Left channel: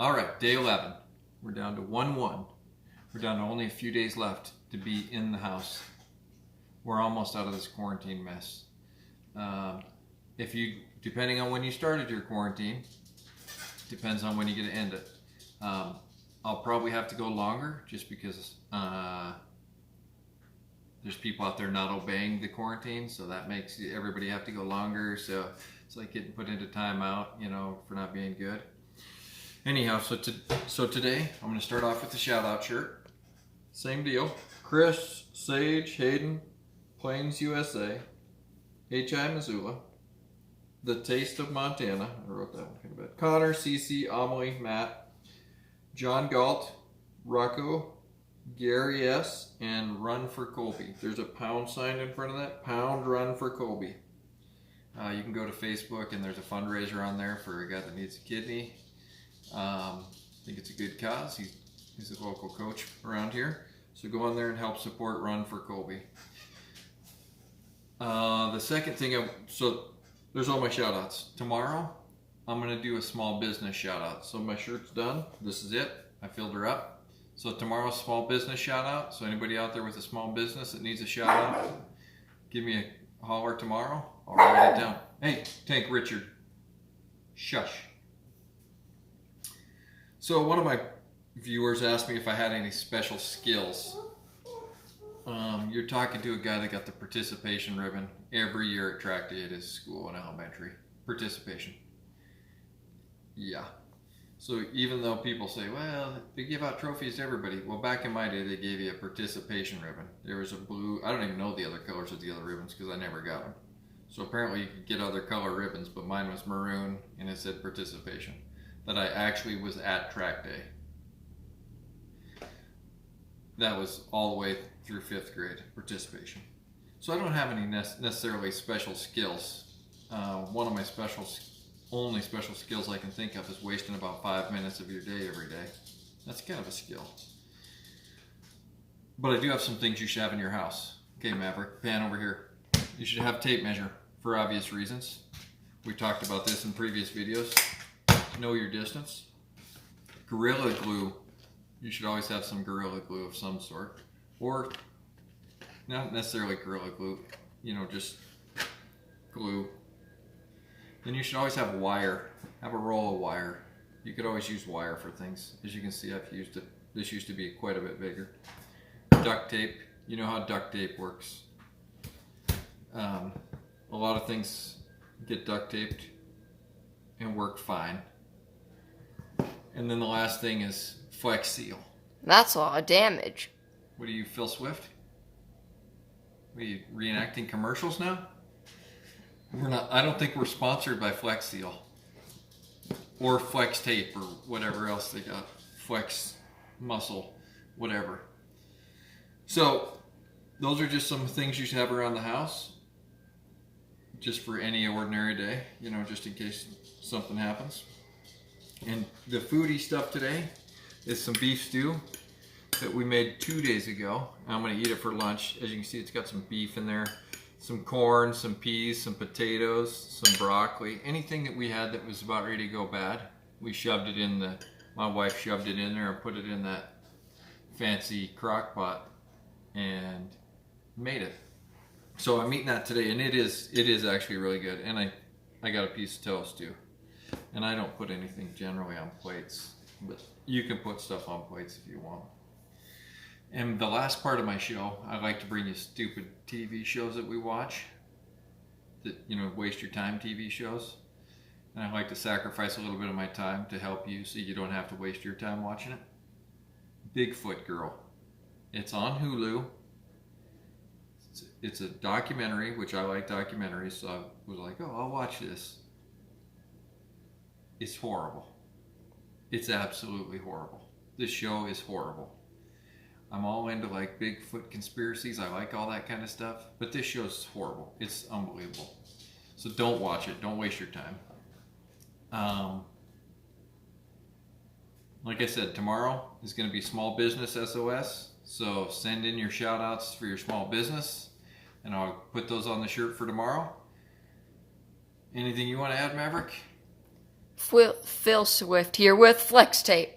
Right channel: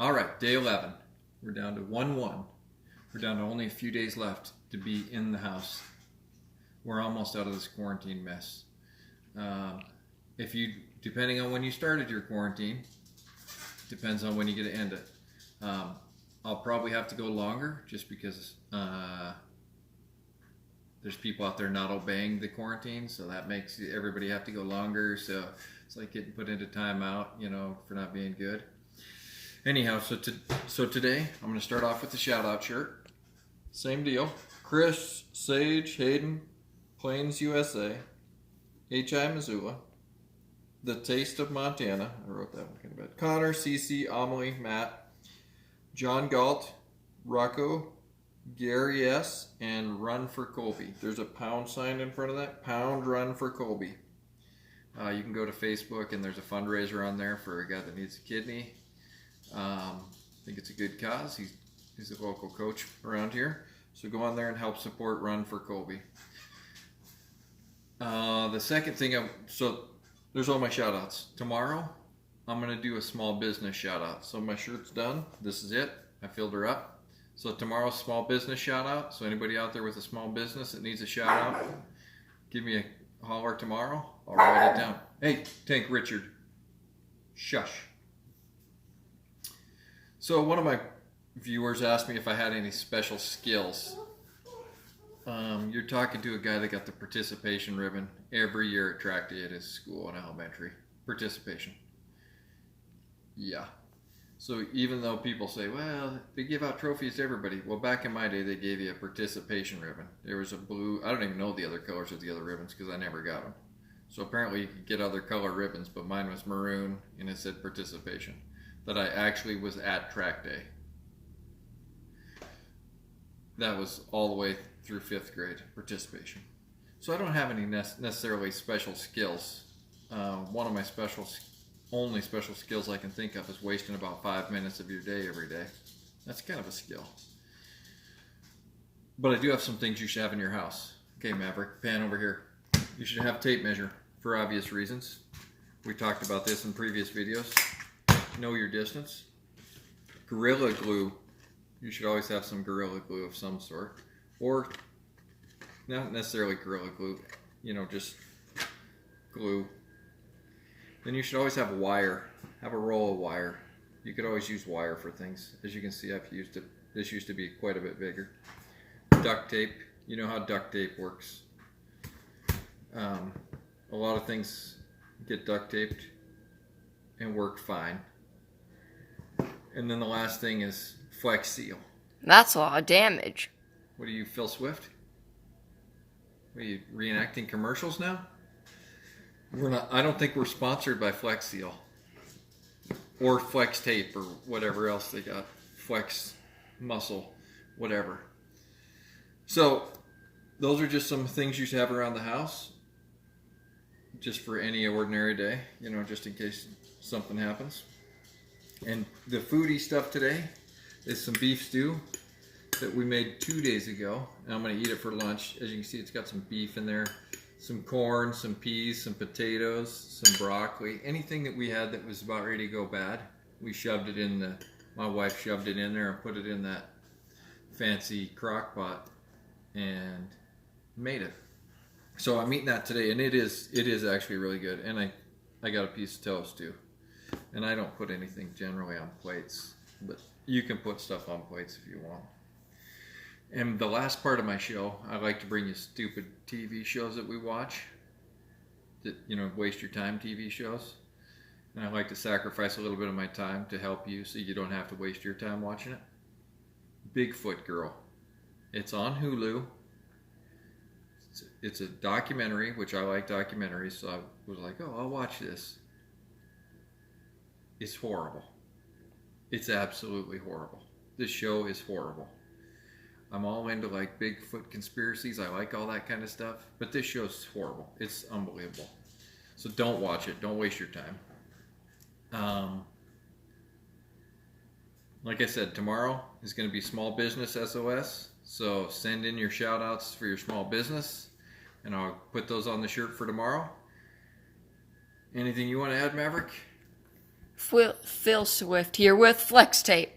All right, day 11. We're down to 1-1. We're down to only a few days left to be in the house. We're almost out of this quarantine mess. Depending on when you started your quarantine, depends on when you get to end it. I'll probably have to go longer just because there's people out there not obeying the quarantine, so that makes everybody have to go longer. So it's like getting put into timeout, for not being good. Anyhow, so today I'm going to start off with the shout out shirt. Same deal. Chris, Sage, Hayden, Plains, USA, H.I. Missoula, The Taste of Montana. I wrote that one kind of bad. Connor, Cece, Amelie, Matt, John Galt, Rocco, Gary S., and Run for Colby. There's a pound sign in front of that. Pound Run for Colby. You can go to Facebook and there's a fundraiser on there for a guy that needs a kidney. I think it's a good cause. He's a local coach around here. So go on there and help support Run for Colby. The second thing, so there's all my shout outs. Tomorrow, I'm going to do a small business shout out. So my shirt's done. This is it. I filled her up. So tomorrow's small business shout out. So anybody out there with a small business that needs a shout out, give me a holler tomorrow. I'll write it down. Hey, Tank Richard. Shush. So one of my viewers asked me if I had any special skills. You're talking to a guy that got the participation ribbon every year at track day at his school in elementary. Participation. Yeah. So even though people say, well, they give out trophies to everybody. Well, back in my day, they gave you a participation ribbon. There was a blue, I don't even know the other colors of the other ribbons because I never got them. So apparently you could get other color ribbons, but mine was maroon and it said participation. That I actually was at track day. That was all the way through 5th grade, participation. So I don't have any necessarily special skills. One of my only special skills I can think of is wasting about 5 minutes of your day every day. That's kind of a skill. But I do have some things you should have in your house. Okay, Maverick, pan over here. You should have tape measure for obvious reasons. We talked about this in previous videos. Know your distance. Gorilla Glue. You should always have some Gorilla Glue of some sort. Or, not necessarily Gorilla Glue, just glue. Then you should always have wire. Have a roll of wire. You could always use wire for things. As you can see, I've used it. This used to be quite a bit bigger. Duct tape. You know how duct tape works. A lot of things get duct taped and work fine. And then the last thing is Flex Seal. That's a lot of damage. What are you, Phil Swift? Are you reenacting commercials now? We're not. I don't think we're sponsored by Flex Seal or Flex Tape or whatever else they got. Flex Muscle, whatever. So those are just some things you should have around the house, just for any ordinary day. Just in case something happens. And the foodie stuff today is some beef stew that we made 2 days ago. And I'm going to eat it for lunch. As you can see, it's got some beef in there, some corn, some peas, some potatoes, some broccoli. Anything that we had that was about ready to go bad, we shoved it in my wife shoved it in there and put it in that fancy crock pot and made it. So I'm eating that today, and it is actually really good. And I got a piece of toast too. And I don't put anything generally on plates, but you can put stuff on plates if you want. And the last part of my show, I like to bring you stupid TV shows that we watch, that, waste your time TV shows. And I like to sacrifice a little bit of my time to help you so you don't have to waste your time watching it. Bigfoot Girl. It's on Hulu. It's a documentary, which I like documentaries, so I was like, oh, I'll watch this. It's horrible. It's absolutely horrible. This show is horrible. I'm all into like Bigfoot conspiracies. I like all that kind of stuff. But this show's horrible. It's unbelievable. So don't watch it. Don't waste your time. Like I said, tomorrow is going to be Small Business SOS. So send in your shout outs for your small business. And I'll put those on the shirt for tomorrow. Anything you want to add, Maverick? Phil Swift here with Flex Tape.